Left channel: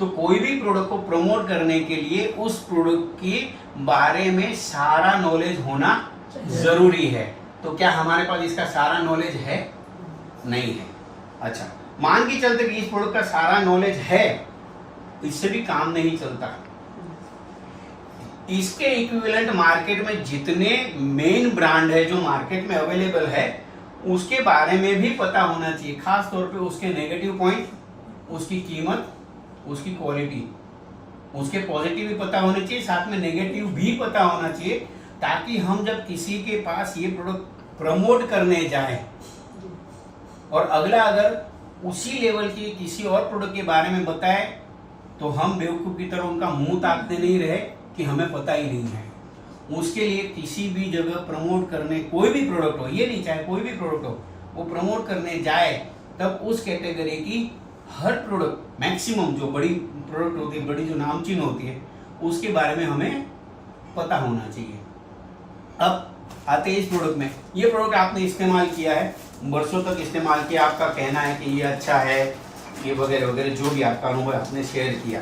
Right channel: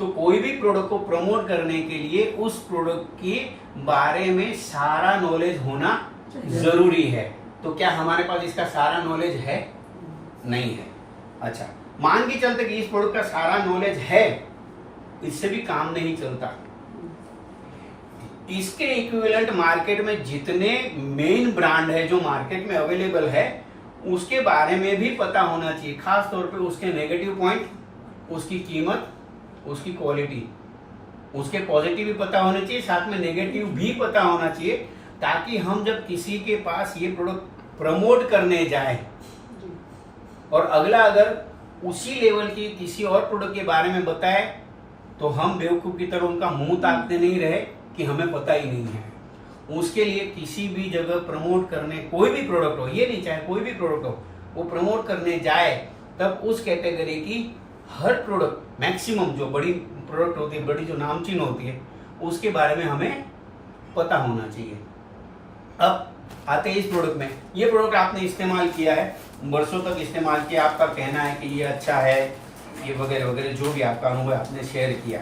तो कोई भी प्रोडक्ट को प्रमोट करने के लिए उस प्रोडक्ट के बारे में सारा नॉलेज होना जरूरी है। तो क्या हमारे पास इसका सारा नॉलेज है? नहीं है। अच्छा, मान के चलते कि इस प्रोडक्ट का सारा नॉलेज है, इससे भी काम नहीं चलता। इसके इक्विवेलेंट मार्केट में जितने मेन ब्रांड है जो मार्केट में अवेलेबल है, उसके बारे में भी पता होना चाहिए। खास तौर पे उसके नेगेटिव पॉइंट, उसकी कीमत, उसकी क्वालिटी, उसके पॉजिटिव भी पता होने चाहिए, साथ में नेगेटिव भी पता होना चाहिए, ताकि हम जब किसी के पास ये प्रोडक्ट प्रमोट करने जाए और अगला अगर उसी लेवल के किसी और प्रोडक्ट के बारे में बताए, तो हम बेवकूफ की तरह उनका मुंह ताकते नहीं रहे कि हमें पता ही नहीं है। उसके लिए किसी भी जगह प्रमोट करने, कोई भी प्रोडक्ट हो, ये नहीं चाहे कोई भी प्रोडक्ट हो, वो प्रमोट करने जाए, तब उस कैटेगरी की हर प्रोडक्ट, मैक्सिमम जो बड़ी प्रोडक्ट होती है, बड़ी जो नामचीन होती है, उसके बारे में हमें पता होना चाहिए। अब आते हैं इस प्रोडक्ट में। ये प्रोडक्ट आपने इस्तेमाल किया है, बरसों तक इस्तेमाल किया, आपका कहना है कि ये अच्छा है, ये वगैरह वगैरह, जो भी आपका अनुभव आपने शेयर किया।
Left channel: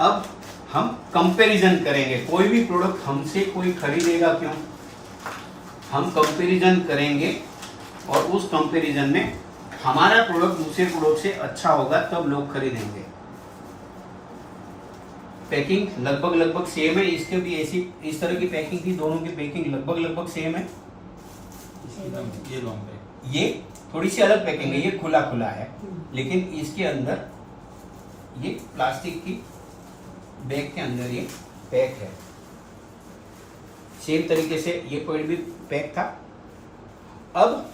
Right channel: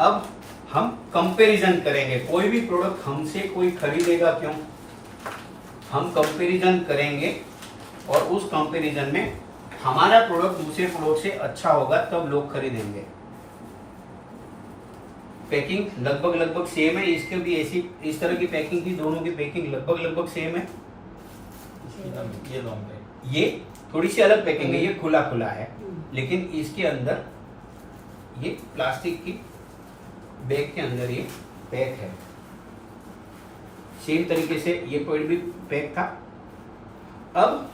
अब हम कंपैरिजन करेंगे। कोई भी प्रोडक्ट हमसे कोई खरीदेगा क्यों? हम कंपैरिजन करेंगे और उस कंपैरिजन में हमारा प्रोडक्ट दूसरे प्रोडक्ट से अच्छा होगा, तब लोग खरीदेंगे। पैकिंग लगभग सेम है, इसके भी ऐसी इस तरह की पैकिंग थी, दोनों की पैकिंग लगभग सेम है। ये लॉन्ग है, ये थोड़ी सी अलग पैकिंग है, ये खुला है, लेकिन इसके अंदर ये प्लास्टिक की बैग के अंदर ये पैक है। सेम तरीके से ये पॉइंट भी पैक था। अब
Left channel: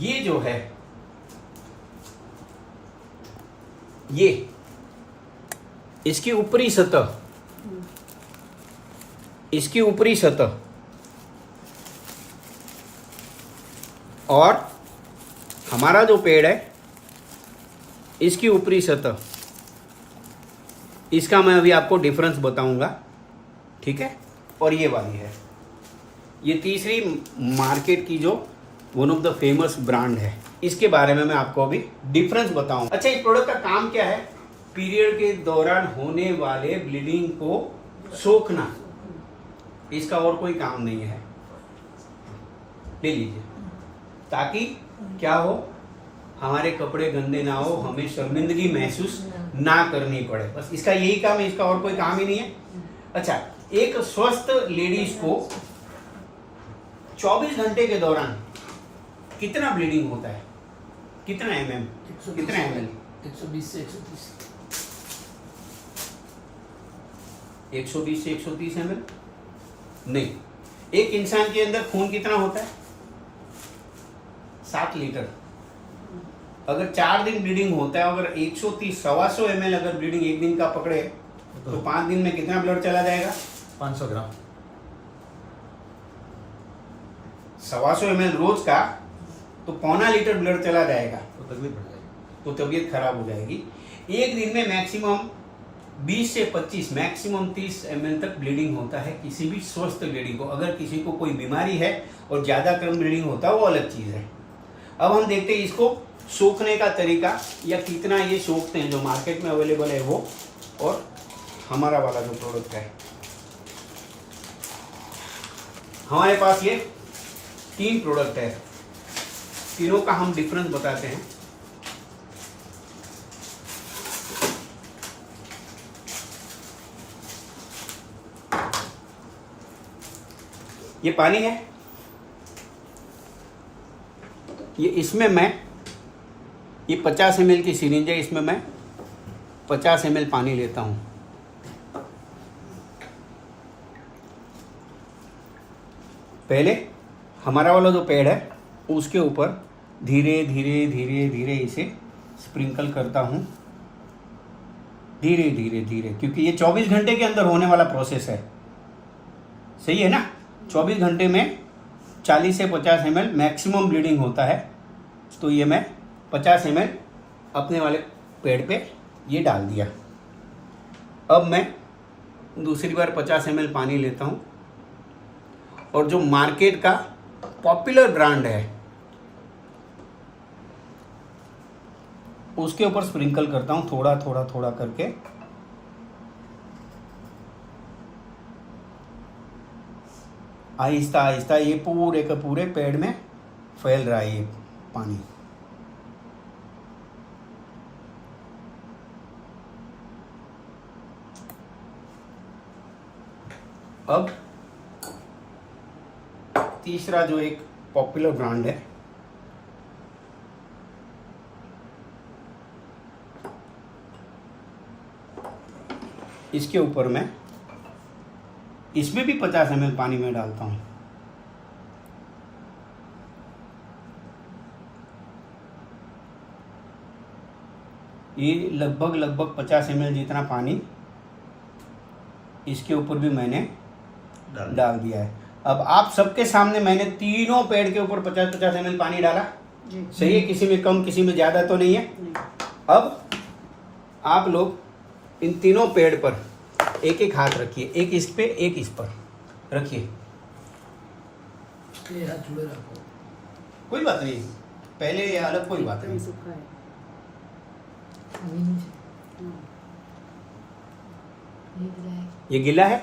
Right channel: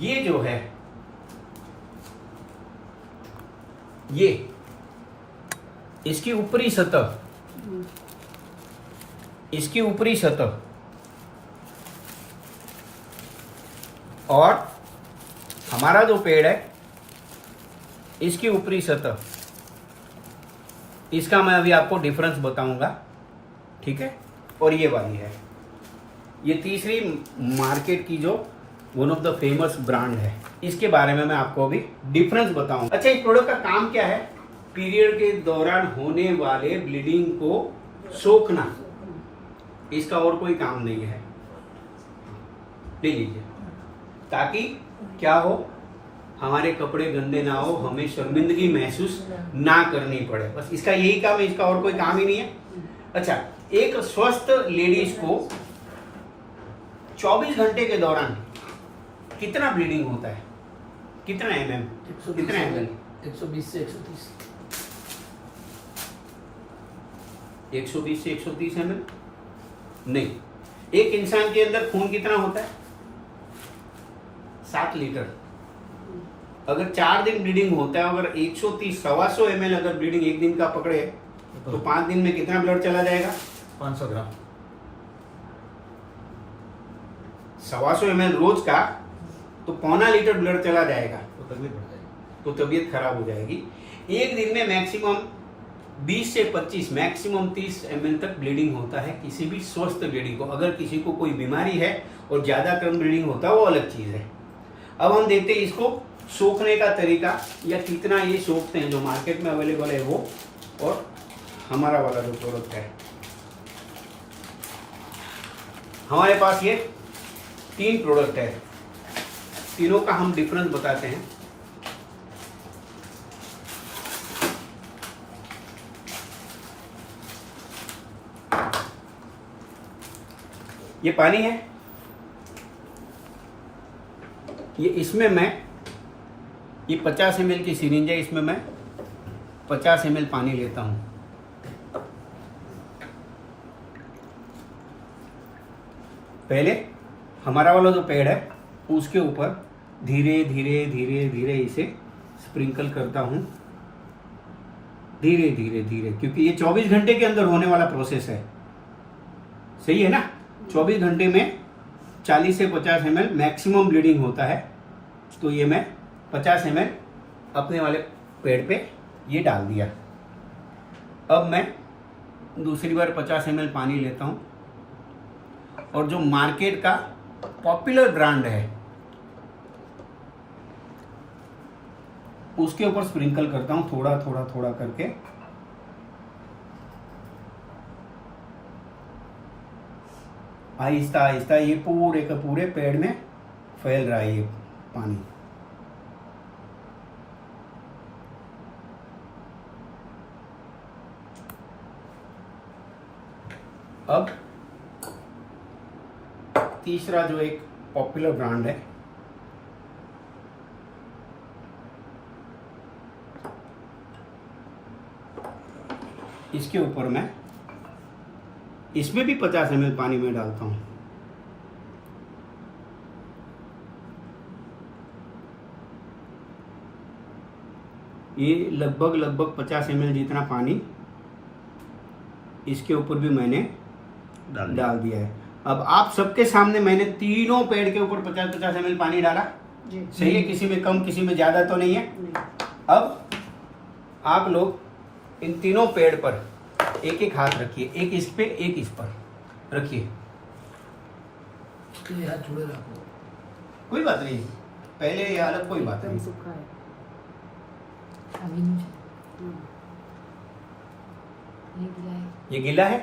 ये जो है, ये इसकी ऊपरी सतह, इसकी ऊपरी सतह और हमारा जो पेड़ है, इसकी ऊपरी सतह, इसका मैं अभी आपको डिफरेंस बताऊंगा, ठीक है। और ये वाली है, ये तीसरी मार्केट की जो one of the famous brand है, इसके बारे में मैं आपको अभी डिफरेंस बताऊंगा। अच्छा, इस प्रोडक्ट का काम क्या है? पीरियड के दौरान होने वाले ब्लीडिंग को सोखना, इसका और कोई काम नहीं है। ले लीजिए, ताकि क्या हो, हमारे कपड़े गंदे ना हो, हमें शर्मिंदगी महसूस ना करनी पड़े, बस इसका यही काम है, इसका और कोई काम ही नहीं है। अच्छा, एक स्वस्थ लेडीज को 24 घंटे के दौरान कितना ब्लीडिंग होता है? कितना mm, कितना ml? 120 से 130। 120 से 130 ml नहीं। एक इंसान के अंदर खून कितना होता है? 7 लीटर। अगर 4 दिन ब्लीडिंग होता है, अगर 130 125 ml अगर ब्लीडिंग एक दिन का पकड़े, तो 5 दिन में कितना ब्लड चला जाएगा? 500 ग्राम। 125 ml रोज का, तो 1.25 लीटर ब्लड चला जाएगा, तो तकलीफ बढ़ जाएगी, तो तबीयत खराब हो जाएगी। एक दिन में मैक्सिमम 20 से 25, मैक्सिमम 30 ml तक ब्लीडिंग होता है किसी भी स्वस्थ लेडी को। अगर किसी को कोई बीमारी है और ज्यादा कम ब्लीडिंग होता है, वो अलग चीज है। अब हम देखते हैं इसको सोखने का तरीका, या कितना ये सोखते हैं, जो मार्केट में अवेलेबल है वो, और हमारा वाला जो प्रोडक्ट है। हमारे पास ये 3 प्रोडक्ट है, तीनों का हम डिफरेंस बताते हैं। ये पानी है, ये इसमें मैं, ये 50 ml की सिरिंज है, इसमें मैं 50 ml पानी लेता हूं। पहले हमारा वाला जो पैड है, उसके ऊपर धीरे धीरे धीरे धीरे इसे स्प्रिंकल करता हूं, धीरे धीरे धीरे, क्योंकि ये 24 घंटे के अंदर होने वाला प्रोसेस है, सही है ना। 24 घंटे में 40 से 50 ml मैक्सिमम ब्लीडिंग होता है, तो ये मैं 50 ml अपने वाले पेड़ पे ये डाल दिया। अब मैं दूसरी बार 50 ml पानी लेता हूँ, और जो मार्केट का पॉपुलर ब्रांड है, उसके ऊपर स्प्रिंकल करता हूँ थोड़ा थोड़ा थोड़ा करके। आहिस्ता आहिस्ता ये पूरे के पूरे पेड़ में फैल रहा है ये पानी। अब तीसरा जो एक पॉपुलर ब्रांड है, इसके ऊपर मैं इसमें भी 50 ml पानी में डालता हूँ। ये लगभग 50 ml जितना पानी इसके ऊपर भी मैंने डाल दिया है। अब आप सबके सामने मैंने तीनों पेड़ के ऊपर 50-50 ml पानी डाला, सही है, किसी में कम किसी में ज्यादा तो नहीं है। अब आप लोग इन तीनों पेड़ पर एक एक हाथ रखिए, एक इस पे एक इस पर रखिए। कोई बात नहीं, पहले अलग कोई बात नहीं। ये गिला है,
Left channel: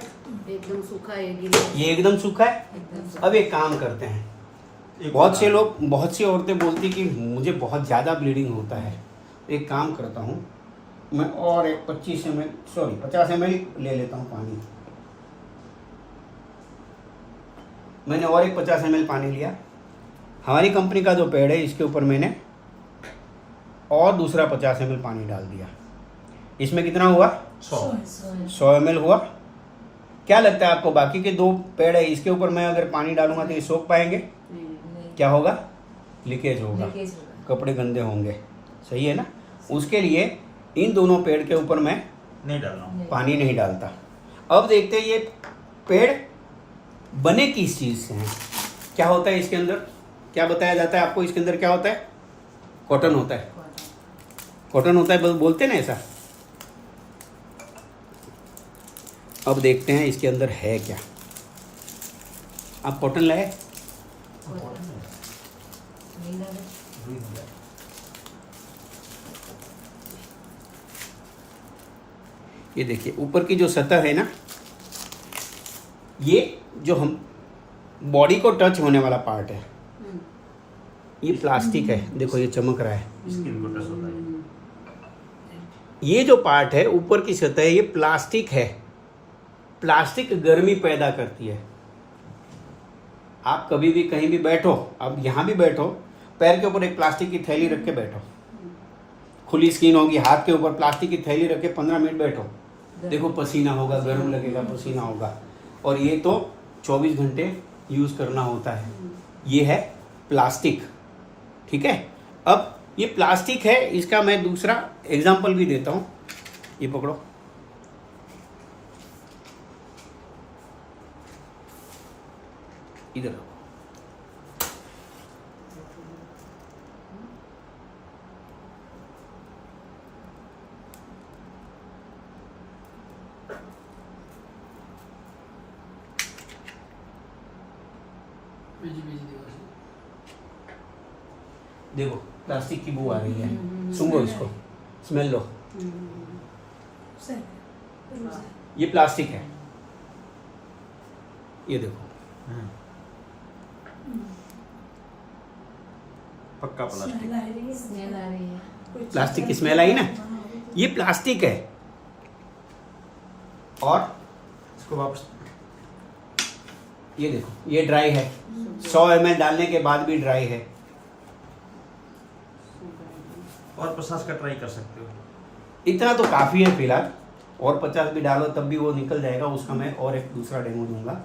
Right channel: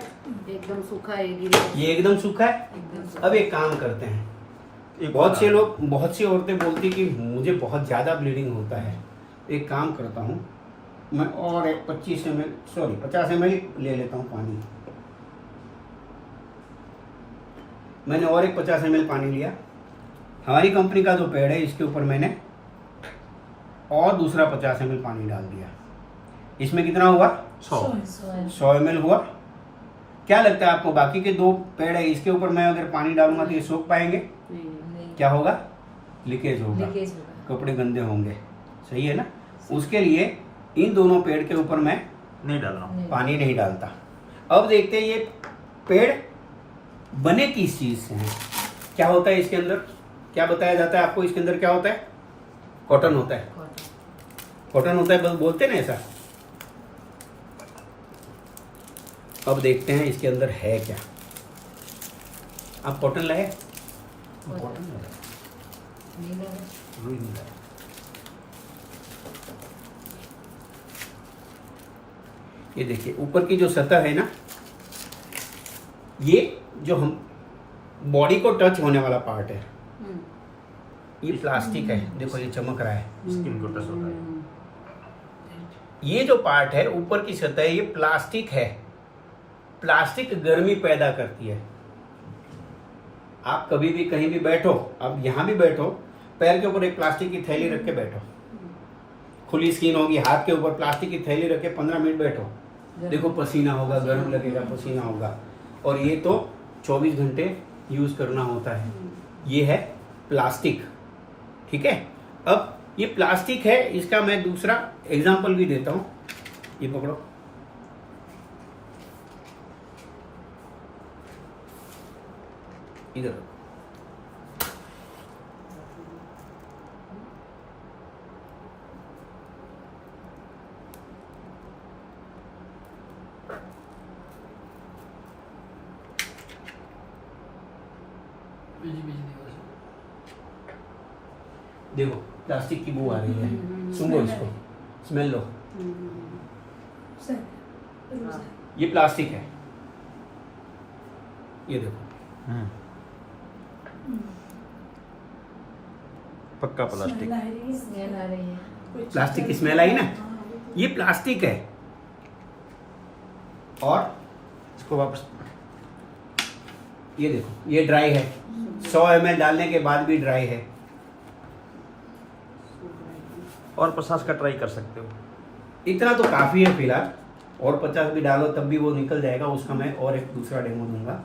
एकदम सूखा है, गीला है। ये एकदम सूखा है। एकदम सूखा। अब एक काम करते हैं, बहुत से लोग, बहुत सी औरतें बोलती कि मुझे बहुत ज़्यादा ब्लीडिंग होता है। एक काम करता हूँ मैं, और एक 50 ml ले लेता हूँ पानी। मैंने और एक 50 ml पानी लिया। हमारी कंपनी का जो पेड़ है इसके ऊपर मैंने और दूसरा 50 ml पानी डाल दिया। इसमें कितना हुआ? 100 ml हुआ। क्या लगता है आपको, बाकी के दो पेड़ है इसके ऊपर मैं अगर पानी डालूंगा तो ये सोख पाएंगे? क्या होगा? लीकेज होगा, कपड़े गंदे होंगे, सही है ना। उसके लिए इन दोनों पेड़ के ऊपर मैं नहीं डाल रहा हूँ, पानी नहीं डालता। अब देखते हैं ये पेड़ बने किस चीज से हैं, क्या होता है इसके अंदर, क्या बताया जाता है आपको इसके अंदर क्या होता है? कॉटन होता है, कॉटन होता है, बोलते ना ऐसा। अब देखते हैं इसके अंदर है क्या। आप कॉटन लाए? ये देखिए ऊपर की जो सतह है ना, ये जो हम बॉडी को टच होने वाला पार्ट है, ये प्लास्टिक है। देखो ये चमक रहा है, स्किन को टच होता है। ये जो पार्ट है ऊपर की सतह, ये प्लास्टिक है। प्लास्टिक गर्मी पैदा करती है। आप कभी भी कहीं भी बैठो, अब यहाँ भी बैठो, पैर के ऊपर एक प्लास्टिक की थैली रख के बैठो, खुली स्किन होगी, हाथ के ऊपर प्लास्टिक की थैली रख के 15 मिनट बैठो, देखो पसीना होगा, गर्म लगेगा, पसीना होगा। और ये तो 24 घंटे यूज करना होता है। ये है प्लास्टिक, ठीक है। अब ये प्लास्टिक है, इसका मैं दूसरा एग्जाम्पल भी देता हूँ। ये पकड़ो, इधर रखो। देखो प्लास्टिक की बू आ रही है, सूंघो इसको, स्मेल लो। ये प्लास्टिक है, ये देखो पक्का प्लास्टिक। प्लास्टिक की स्मेल आई ना, ये प्लास्टिक है। और इसको वापस, ये देखो ये ड्राई है, 100 ml डालने के बाद भी ड्राई है। और 50 का ट्राई कर सकते हो। इतना तो काफ़ी है फिलहाल, और 50 भी डालो तब भी वो निकल जाएगा। उसका मैं और एक दूसरा डेमो दूंगा।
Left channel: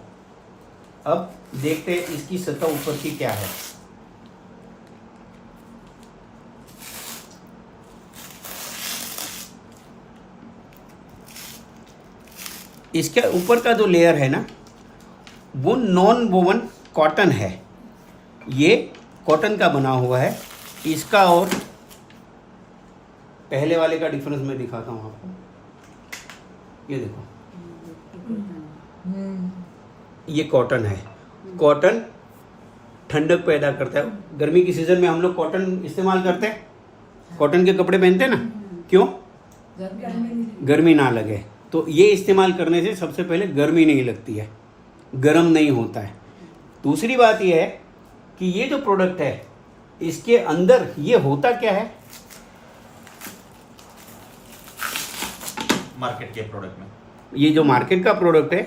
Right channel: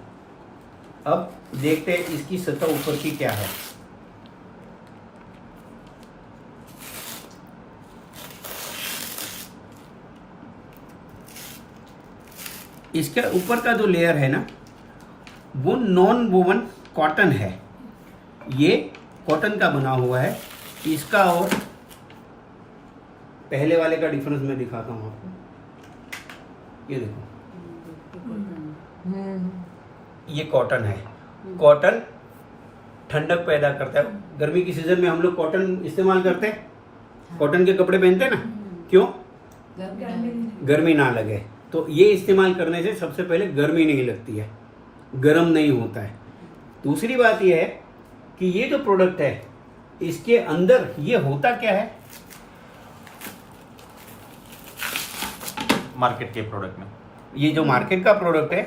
अब देखते हैं इसकी सतह ऊपर की क्या है। इसके ऊपर का जो लेयर है ना, वो नॉन वोवन कॉटन है। ये कॉटन का बना हुआ है। इसका और पहले वाले का डिफरेंस मैं दिखाता हूँ आपको। ये देखो, ये कॉटन है। कॉटन ठंडक पैदा करता है। गर्मी की सीजन में हम लोग कॉटन इस्तेमाल करते हैं, कॉटन के कपड़े पहनते हैं ना, क्यों? गर्मी ना लगे। तो ये इस्तेमाल करने से सबसे पहले गर्मी नहीं लगती है, गर्म नहीं होता है। दूसरी बात ये है कि ये जो प्रोडक्ट है इसके अंदर ये होता क्या है? मार्केट के प्रोडक्ट में ये जो मार्केट का प्रोडक्ट है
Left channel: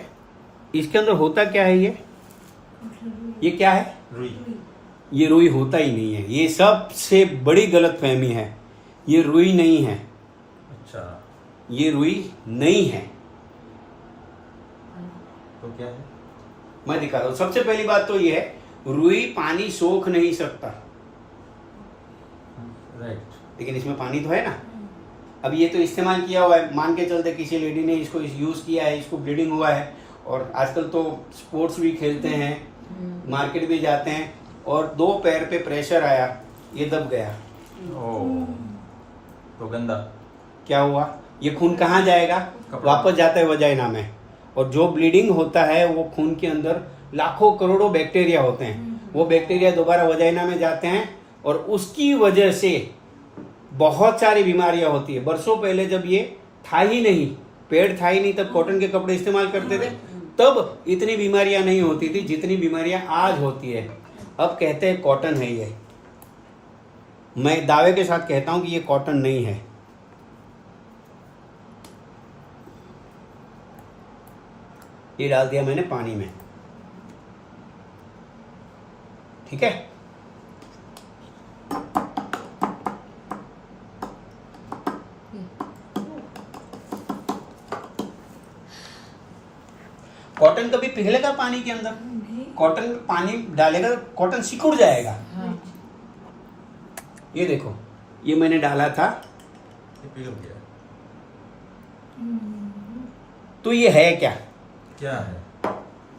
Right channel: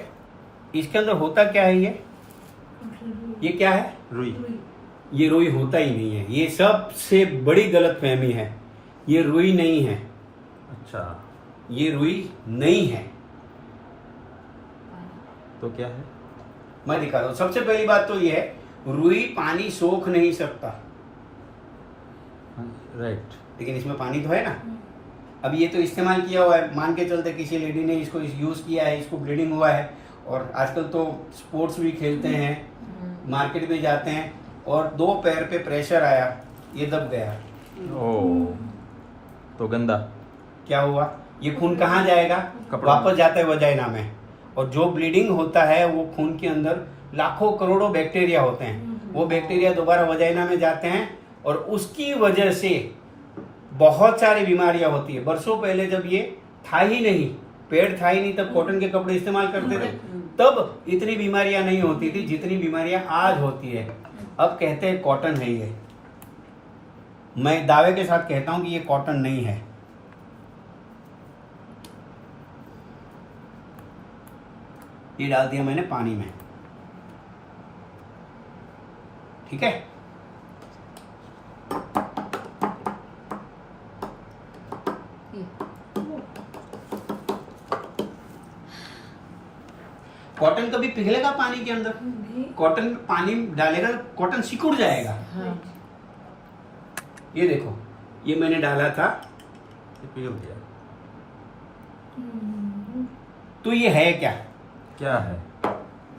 इसके अंदर होता क्या है? ये क्या है? रुई। ये रुई होता ही नहीं है। ये सबसे बड़ी गलतफहमी है। ये रुई नहीं है, अच्छा, ये रुई नहीं है। तो क्या है? मैं दिखा रहा हूं। सबसे पहली बात तो ये है, रुई पानी सोख नहीं सकता, राइट। लेकिन इसमें पानी तो है ना। अब ये तो इस्तेमाल किया हुआ है, मान के चलते किसी लेडी ने इसको यूज किया है, इसको ब्लीडिंग हुआ है, और आजकल तो स्पोर्ट्स भी खेलते हैं, मार्केट भी जाते हैं, और 2 पैर पे प्रेशर आया, ये दब गया। ओ, तो गंदा। क्या हुआ? ये खून कहाँ जाएगा? कपड़ा। वापस जाता है वजाइना में। और जो ब्लीडिंग होता है वो खून के अंदर लाखों करोड़ों बैक्टीरिया होते हैं, वो बैक्टीरिया दोबारा वजाइना में जाते हैं, और उसकी वजह से बहुत सारी बीमारियां होती है। बरसों पहले जब ये था ही नहीं, पेड़ था ही नहीं, तब कॉटन के कपड़े इस्तेमाल करते थे, तब इतनी बीमारियां नहीं होती थी जितनी बीमारियां आज होती है। अब कहते हैं कॉटन है ये, मैं दावे के साथ कहता हूं कि ये कॉटन नहीं है। ये डाल दिया मैंने पानी में, ठीक है। कॉटन कभी पिघलेगा पानी के अंदर? कॉटन पानी डालेगा तो कॉटन सिकुड़ जाएगा। ये देखो, ये मैंने डाला था, ये पिघल गया। तो ये है क्या? क्या है?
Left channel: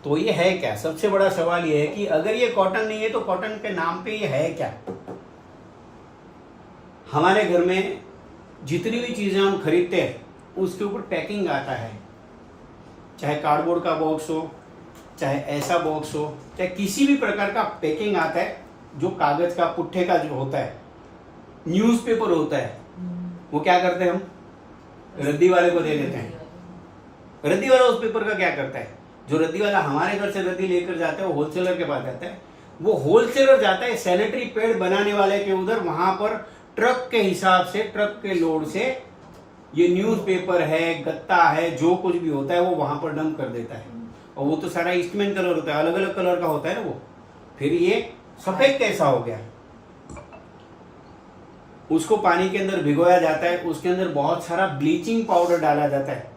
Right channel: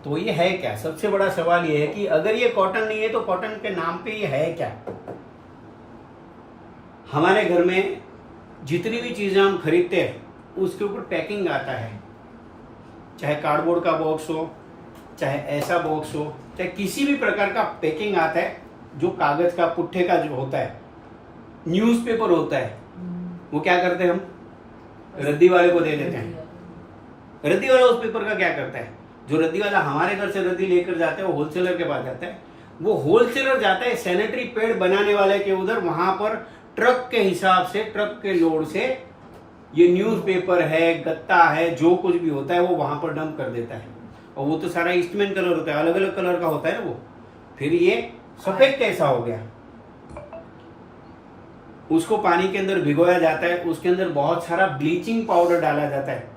तो ये है क्या? सबसे बड़ा सवाल ये है कि अगर ये कॉटन नहीं है तो कॉटन के नाम पे ये है क्या? हमारे घर में जितनी भी चीजें हम खरीदते हैं उसके ऊपर पैकिंग आता है, चाहे कार्डबोर्ड का बॉक्स हो, चाहे ऐसा बॉक्स हो, चाहे किसी भी प्रकार का पैकिंग आता है, जो कागज का पुट्ठे का जो होता है, न्यूज़पेपर होता है, वो क्या करते हैं हम? रद्दी वाले को दे देते हैं। रद्दी वाला उस पेपर का क्या करता है? जो रद्दी वाला हमारे घर से रद्दी लेकर जाता है वो होलसेलर के पास जाता है, वो होलसेलर जाता है सैनिटरी पैड बनाने वाले के उधर, वहां पर ट्रक के हिसाब से, ट्रक के लोड से ये न्यूज़पेपर है, गत्ता है, जो कुछ भी होता है वो वहां पर डंप कर देता है। और वो तो सारा ईस्टमैन कलर होता है, अलग अलग कलर का होता है ना वो। फिर ये सफेद कैसा हो गया? उसको पानी के अंदर भिगोया जाता है, उसके अंदर बहुत सारा ब्लीचिंग पाउडर डाला जाता है,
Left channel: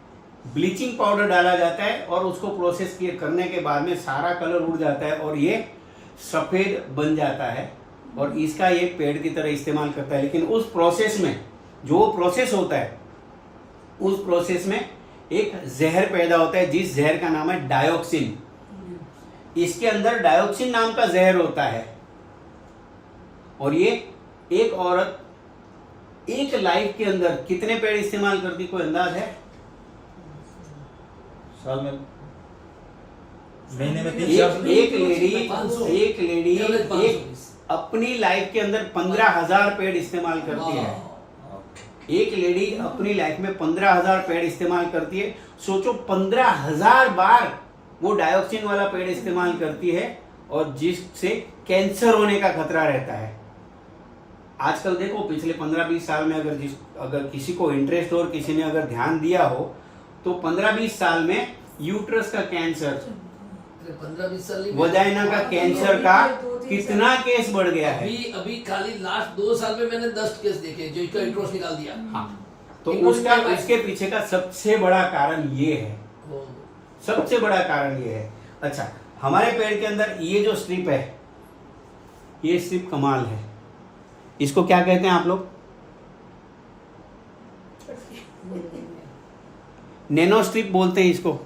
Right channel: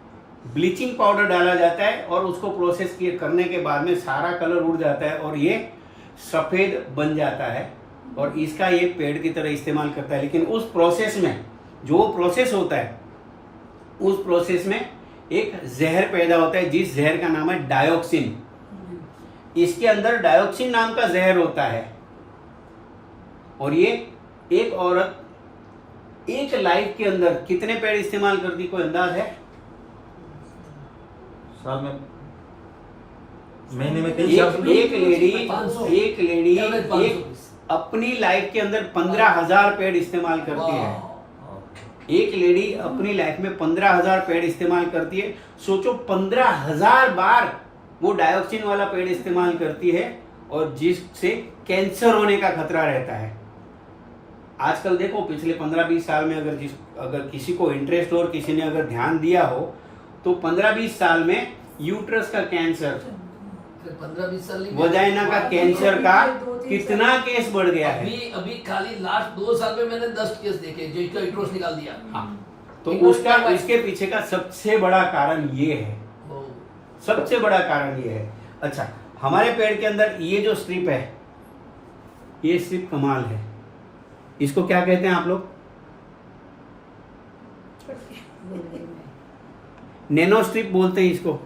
ब्लीचिंग पाउडर डाला जाता है, और उसको प्रोसेस करने के बाद में सारा कलर उड़ जाता है और ये सफेद बन जाता है, और इसका ये पेड़ की तरह इस्तेमाल करता है। लेकिन उस प्रोसेस में, जो प्रोसेस होता है, उस प्रोसेस में एक जहर पैदा होता है, जिस जहर का नाम है डायोक्सिन। इसके अंदर डायोक्सिन नाम का जहर होता है, और ये एक औरत एक लाइफ के अंदर कितने पेड़ इस्तेमाल करती, कोई अंदाज है? साल में, महीने में एक लेडी एक अपनी लाइफ के अंदर 15,000 पेड़ इस्तेमाल करती है। एक लेडी अपनी लाइफ में 15,000 पेड़ इस्तेमाल करती है। सोचो 15,000 बार वो डायोक्सिन वाला पेड़ इस्तेमाल करती है, और जिससे कैंसर होने का खतरा रहता है। आजकल देखो, पिछले 15-20 साल में अगर किसी को इंटरेस्ट हो और किसी ने अगर ध्यान दिया हो, तो 15-20 साल में यूट्रस का कैंसर, 15-20 साल वजाइना का कैंसर का कितना केस बढ़ गया है। अभी खाली लास्ट 2 साल में मैंने 10 केस देखे जो इसका यूट्रस निकाल दिया। हाँ, तो उसका, इसके पीछे का सबसे बड़ा कारण ये है, सबसे बड़ा कारण ये है। अच्छा, हमारे पेड़ के अंदर ये जो स्ट्रिप है, ये स्ट्रिप कमाल है। इसको क्या कहते हैं आप लोग? नैनो स्ट्रिप बोलते हैं इसको।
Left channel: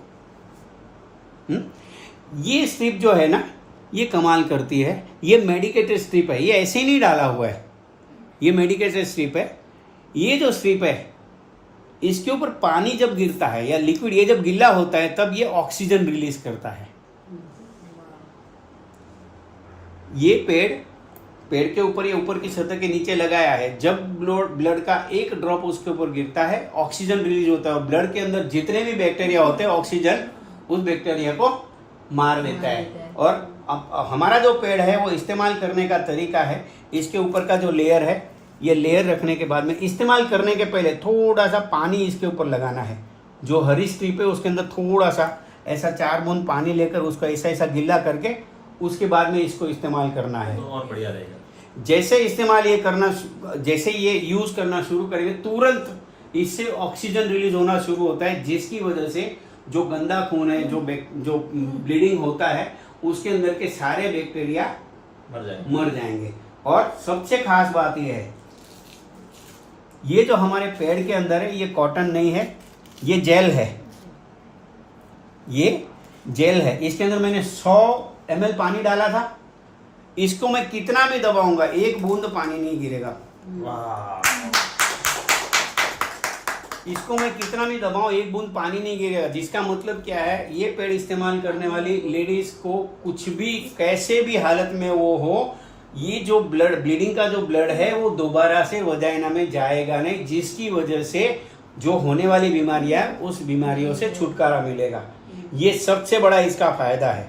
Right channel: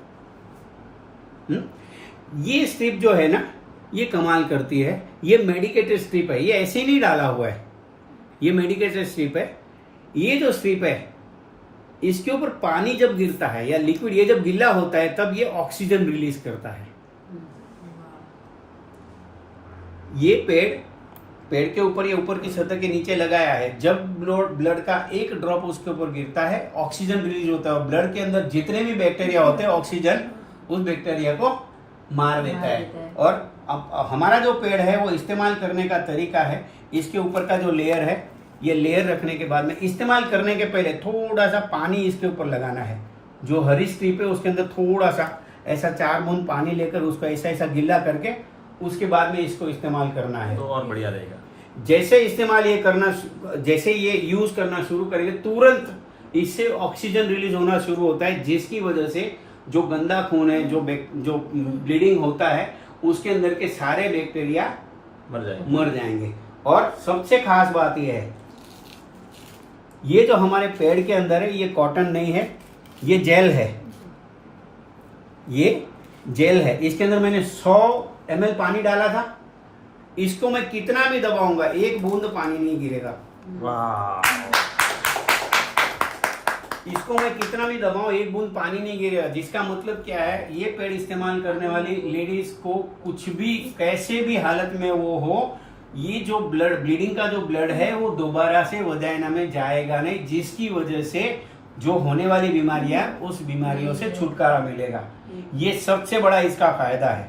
ये स्ट्रिप जो है ना, ये कमाल करती है। ये मेडिकेटेड स्ट्रिप है, ये ऐसे ही नहीं डाला हुआ है, ये मेडिकेटेड स्ट्रिप है। ये जो स्ट्रिप है, इसके ऊपर पानी जब गिरता है या लिक्विड, ये जब गीला होता है, तब ये ऑक्सीजन रिलीज करता है। ये पेड़ पेड़ के ऊपर या ऊपर की सतह के नीचे लगाया है, जब ब्लड का एक ड्रॉप उसके ऊपर गिरता है ऑक्सीजन रिलीज होता है, ब्लड के अंदर जितने भी बैक्टीरिया होते हैं ऑक्सीजन उस बैक्टीरिया को मार देता है। और अब हमारा जो पेड़ है वो इस्तेमाल करने का तरीका है, इसके ऊपर का जो लेयर है, ये लेयर रखने के बाद में इस्तेमाल करने के पहले थोड़ा सा पानी इसके ऊपर लगाना है। जो हरी स्ट्रिप है उसके अंदर थोड़ा सा ऐसा 4 बूंद पानी लेकर उसको ऐसा ऐसा गीला करके उसके बाद में इसको इस्तेमाल करना है। तो और बढ़िया रहेगा। जैसे इस्तेमाल ये करना, जैसे ये यूज करना शुरू करेंगे तुरंत इससे ऑक्सीजन रिलीज होना शुरू होता है, जिसकी वजह से जो गंदा खून है, जो ब्लीडिंग होता है, उसके अंदर के सारे बैक्टीरिया मर जाएंगे। और सबसे खास बात ये है, ये जो हमारे पेड़ के अंदर है ये कॉटन नहीं है, ये जेल है, ये जेल है। इसके अंदर मैंने 100 ml पानी डाला था, इसको मैं कितना भी दबाऊंगा 1 बूंद पानी नहीं गिरेगा। वाह, इसको मैं कितना भी दबाऊं 1 बूंद पानी नहीं गिरेगा। जिसका मतलब क्या है, ये पेड़ इस्तेमाल करने वाली लेडीज को कुछ भी कैसे भी हालत में वो हो, ये जो ब्लीडिंग का जो ब्लड है वो दोबारा से वजाइना में जाएगा नहीं, जिसकी वजह से जो होने वाली बीमारियां उस बीमारियों से छुटकारा मिलेगा। ये सबसे बड़ा इसका फायदा है।